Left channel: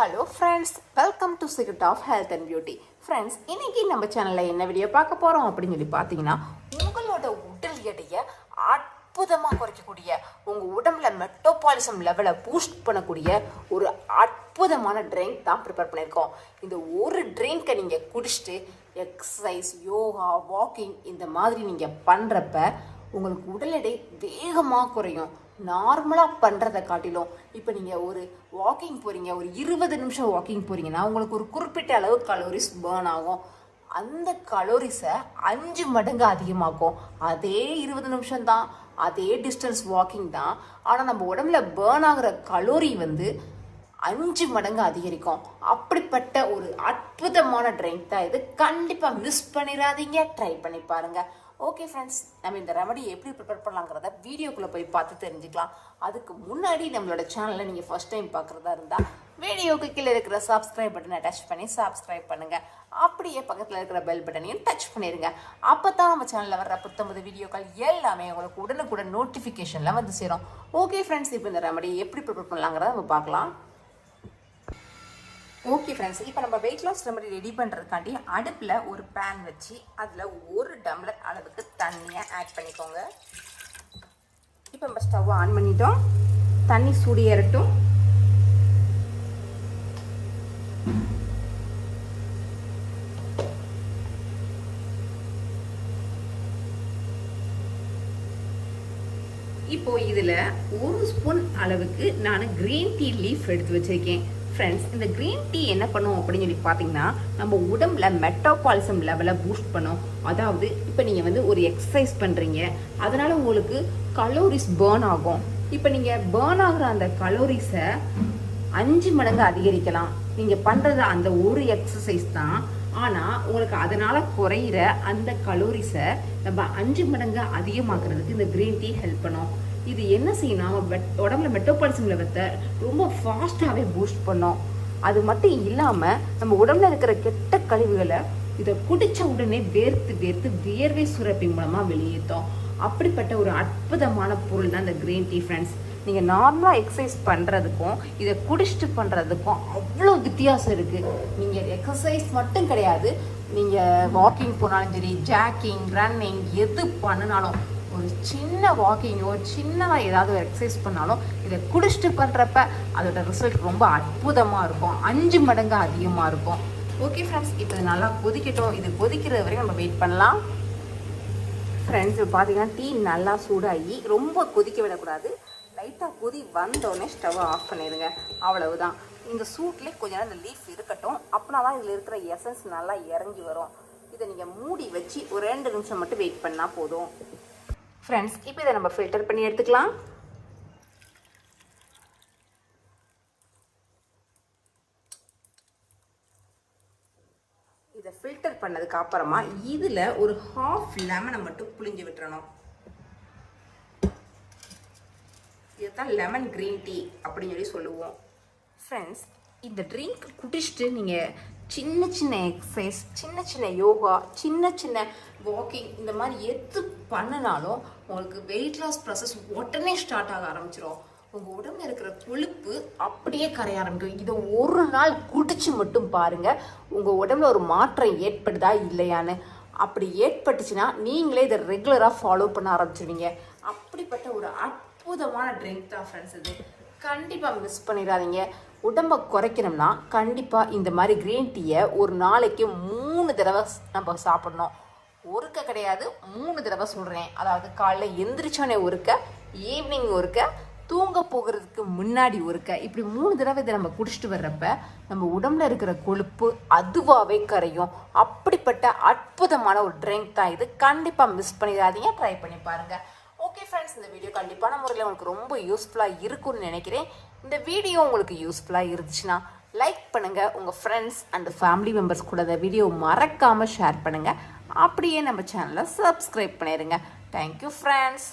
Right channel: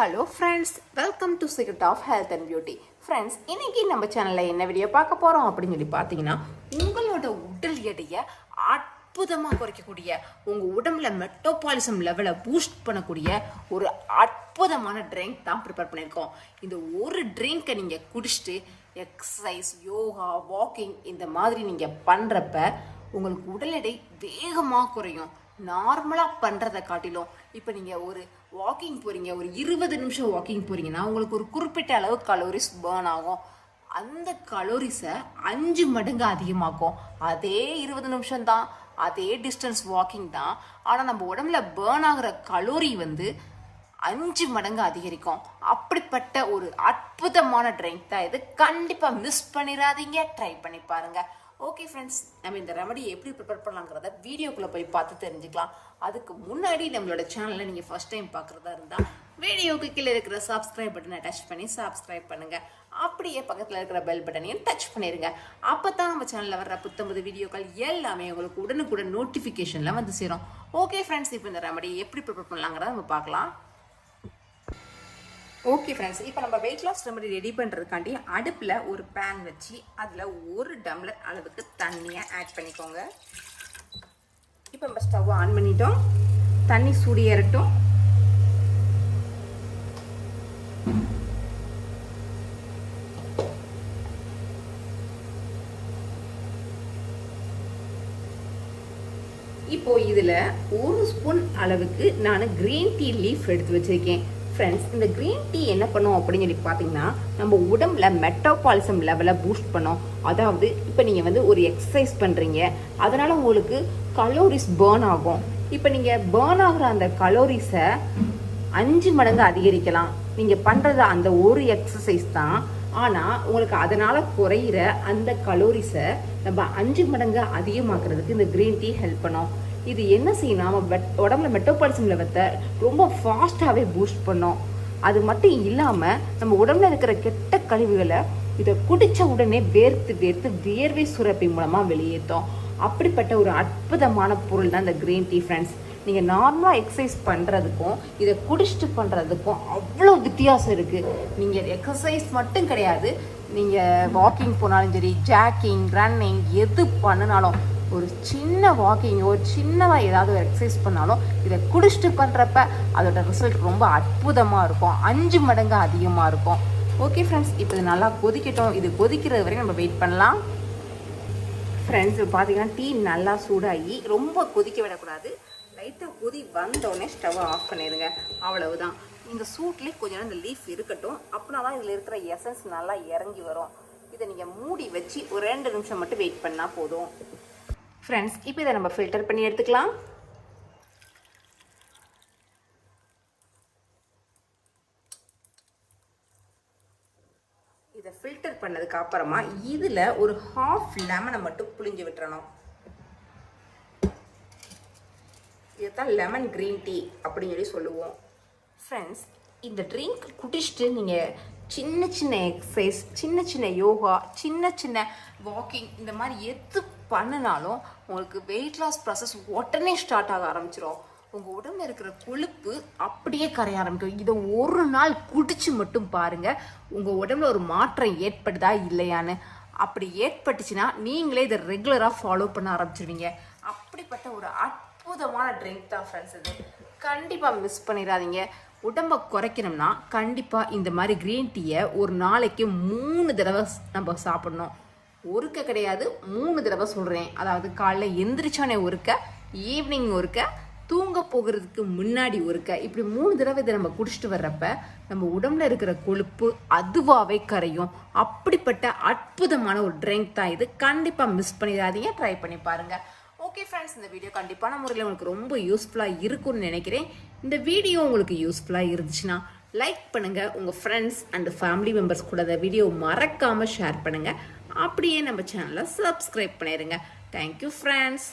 Hello friends welcome to secret of health and beauty friends இன்னைக்கு நம்ம சேனலில் என்ன வீடியோ பார்க்க போகிறோம் அப்படின்னு சொல்லி பார்த்தீங்கன்னா உங்களோட உடல் எடையை அற்புதமாக குறைக்கக்கூடிய உங்கள் உடம்புல மெட்டோபாலிசம் லெவலை பூஸ்ட் பண்ணக்கூடிய ஒரு அற்புதமான ட்ரிங்க் தான் ப்ரிப்பேர் பண்ணியிருக்கோம். இந்த ஒரு ட்ரிங்கை நீங்கள் குடிச்சிட்டு எக்ஸசைஸ் யோகா வாக்கிங் இந்த மாதிரி நீங்கள் பண்ணுறப்ப உங்களுக்கு உடல் எடை வேகமாக குறையும். நார்மலாக பண்ணுறதை காட்டிலும் இப்போ நீங்கள் ஒரு வாக்கிங் போகிறீங்க ஒரு இருபது நிமிஷம் வாக்கிங் போகிறீங்கன்னா உங்களுக்கு ஒரு குறிப்பிட்ட அளவு கலோரிஸ் பேர்ன் ஆகும். அந்த கலோரிஸை அஞ்சு மடங்கு அதிகமாகும் அதே இருபது நிமிஷம் தான் அதே டிஸ்டன்ஸ் வாக்கிங் தான். ஆனால் நம்ம உடம்புல பேர்ன் ஆகிற கலோரி வந்து அஞ்சு மடங்கு அதிகரிக்கும். அப்படிப்பட்ட ஒரு அற்புதமான ட்ரிங்க் தான் இது. கண்டிப்பாக மிஸ் பண்ணிடாதீங்க. ட்ரை பண்ணி பாருங்கள் ஓகே ஃப்ரெண்ட்ஸ் நம்ம இந்த ரெமடி எப்படி ப்ரிப்பேர் பண்ணலாங்கிறத வீடியோக்குள்ளே போய் பார்த்து தெரிஞ்சுக்கலாம். அதுக்கு முன்னாடி நம்மளோட சேனலில் நீங்கள் ஃபர்ஸ்ட் டைம் பார்க்குறதா இருந்தால் வீடியோக்கு கீழே இருக்கிற சப்ஸ்கிரைப் பட்டனை டச் பண்ணி சப்ஸ்கிரைப் பண்ணுங்க. அப்படியே பக்கத்தில் இருக்கிற பெல் பட்டனையும் டச் பண்ணிடுங்க அப்போ தான் நம்ம சேனலில் வர்ற புத்தம்பது வீடியோக்கள் எல்லாமே உங்களுக்கு உடனுக்குடன் நோட்டிஃபிகேஷனில் வந்து சேரும். ஓகே ஃப்ரெண்ட்ஸ் இப்போ இந்த ரெமடி எப்படி ப்ரிப்பேர் பண்ணலாங்கிறத நம்ம பார்க்கலாம். ஓகே ஃப்ரெண்ட்ஸ் இப்போ நம்ம வெயிட் லாஸ் ரெமடி ரெடி பண்ணுறதுக்காண்டி அடுப்பில் ஒரு பேன் வச்சு அதில் ஒரு டம்ளர் அளவுக்கு தண்ணியை ஆட் பண்ணிக்கோங்க. இப்போ நம்ம ஸ்டவ் ஆன் பண்ணிட்டோம். தண்ணி சூடு ஏறட்டும். இப்போ இதில் ஒரு ஸ்பூன் அளவுக்கு நான் கிரீன் டீ லீஃப் எடுத்து வச்சிருக்கேன். ஃப்ரெண்ட்ஸ் இந்த க்ரீன் டீ என்ன பண்ணும் அப்படின்னு சொல்லி பார்த்தீங்கன்னா நம்ம உடம்புல மெட்ரோபாலிசம் லெவலை பூஸ்ட் பண்ணும். அதாவது இப்போ நீங்கள் வந்து ஒரு எக்ஸசைஸ் பண்ணுறீங்க அதனால உங்களுக்கு கலோரிஸ் பேர்ன் ஆகும். இப்போ நீங்கள் பேர்ன் ஆகுற அந்த கலோரிஸை அஞ்சு மடங்கு அதிகரிக்கலாம். நீங்கள் பண்ணுறது அந்த ஒரு எக்ஸசைஸ் தான். ஆனால் உங்களுக்கு அதனால குறையிற அந்த கலோரிஸை நம்ம அஞ்சு மடங்கு அதிகமாக்குறதுக்கு இந்த கிரீன் டீ ஹெல்ப் பண்ணும். இது என்ன செய்யும் நம்ம உடம்புல மெட்டோபாலிசம் லெவத்தை ரொம்ப ஃபாஸ்ட்டாகவே பூஸ்ட் பண்ணும் அது மட்டும் இல்லாமல் நம்ம உடம்புல இருக்கிற கெட்ட கழிவுகளை இதை குடிச்ச உடனே வேர்த்து வேர்த்து வியர்வை சுரப்பி மூலமாக வெளியேற்றும் அப்படிப்பட்ட ஒரு அற்புதமான பொருள் தான் இந்த கிரீன் டீ ஃப்ரெண்ட்ஸ் நீங்கள் நார்மலாக எக்ஸசைஸ் பண்ணுறதுக்கும் இதை குடிச்சிட்டு பண்ணுறதுக்கும் அவ்வளோ வித்தியாசம் இருக்குது நீங்கள் எக்ஸசைஸ் மட்டும் கிடையாது. நீங்கள் வாக்கிங் போனாலும் சரி ஜாக்கிங் ரன்னிங் எது பண்ணினாலும் ஒரு சின்ன வாக்கிங் ஒரு சின்னதாக ஏதாவது ஒரு எக்ஸசைஸ் பண்ணாலும் இதை குடிச்சிட்டு பண்ணுறப்ப அதோட ரிசல்ட் ரொம்ப அற்புதமாக இருக்கும். அஞ்சு மடங்கு அதிகமாக இருக்கும். ஓகே ஃப்ரெண்ட்ஸ் இப்போ இது நல்லா கொதிக்கட்டும். இது கொதிக்கிறது வரைக்கும் நம்ம வெயிட் பண்ணலாம். ஃப்ரெண்ட்ஸ் பார்த்தீங்கன்னா டீ நல்லா சூடாகி ரொம்ப கொதிக்க விடக்கூடாது. லைட்டாக கொதி வந்தோடனே ஸ்டவ்வை ஆஃப் பண்ணிடுங்க. அவ்வளவுதான். இந்த சூட்லேயே கொஞ்ச நேரம் இந்த லீஃப் இருக்கட்டும். அப்படின்னா தான் இதில் இருக்கிற எசன்ஸ் நல்லா இறங்கி வரும். இதை நீங்கள் மூடி வச்சு ஒரு ரெண்டு நிமிஷம் மட்டும் வெயிட் பண்ணால் போதும். ஃப்ரெண்ட்ஸ் இப்போ இதை நம்ம ஃபில்டர் பண்ணி எடுத்துக்கலாம். இதை ஃபில்டர் பண்ணதுக்கு அப்புறமா இதில் ஒரு ஹாஃப் லெமனை மட்டும் புளிஞ்சு விட்டுறணும். இதுதான் லெமன் க்ரீன் டீ அப்படின்னு சொல்லி சொல்லுவோம். ஃப்ரெண்ட்ஸ் இந்த ட்ரிங்க் குடிச்சிட்டு நீங்கள் சின்ன சின்ன எக்ஸசைஸ் சின்ன சின்ன யோகா சின்ன சின்ன வாக்கிங் இந்த மாதிரி எது பண்ணினாலும் உங்களுக்கு வெயிட் லாஸ் ப்ராசஸ் உடனே ஸ்டார்ட் ஆக ஆரம்பிச்சிடும் உங்கள் உடம்புல இருக்கிற கொழுப்பு அப்படியே கரைய ஆரம்பிக்கும். இதை ஒரு நாள் குடிச்சு மட்டும் பாருங்க. உங்கள் உடம்புல ஒரு மாற்றம் ஏற்படுதா இல்லையான்னு. அப்படி ஏற்பட்டுச்சுன்னா நீங்களே இதை ரெகுலராக ஃபாலோ பண்ண ஆரம்பிச்சிருவீங்க. அப்படிப்பட்ட ஒரு அற்புதமான ட்ரிங்க் தான் ஃப்ரெண்ட்ஸ் இது. கண்டிப்பாக மிஸ் பண்ணிடாதீங்க. உடம்ப குறைக்கணும்னா கண்டிப்பாக இந்த மாதிரி க்ரீன் டீயை ஒரு நாளைக்கு மூணு தடவை நம்ம சாப்பிடணும். ஒருக்க கிடையாது மூணு தடவை சொல்கிறேன் அதாவது காலைல எந்திரிச்சோடனே ஒருக்க ஈவினிங் ஒருக்க தூங்க போகிறதுக்கு முன்னாடி ஒருக்க இப்படி மூணு தடவை இதை நம்ம குடிச்சிட்டு வர்றப்ப நம்ம உடம்புல இருக்கிற கொழுப்பு அதுவாகவே கரையும். அப்படிப்பட்ட அற்புதமான ஒரு ட்ரிங்க் தான் இது. கண்டிப்பாக மிஸ் பண்ணிடாதீங்க ட்ரை பண்ணி பாருங்க. ஓகே ஃப்ரெண்ட்ஸ் இந்த வீடியோ கண்டிப்பான முறையில் உங்களுக்கு ரொம்ப யூஸ்ஃபுல்லாக இருக்கும்னு நினைக்கிறேன். இந்த வீடியோ உங்களுக்கு யூஸ்ஃபுல்லாக இருந்துச்சுன்னா லைக் பண்ணுங்கள் உங்கள் ஃப்ரெண்ட்ஸ் அண்ட் ஃபேமிலி மெம்பர்ஸ் கூட இந்த வீடியோ மறக்காமல் ஷேர் பண்ணுங்கள் அப்படியே நம்ம சேனலை சப்ஸ்கிரைப் பண்ணிடுங்க தேங்க்யூ ஃப்ரெண்ட்ஸ்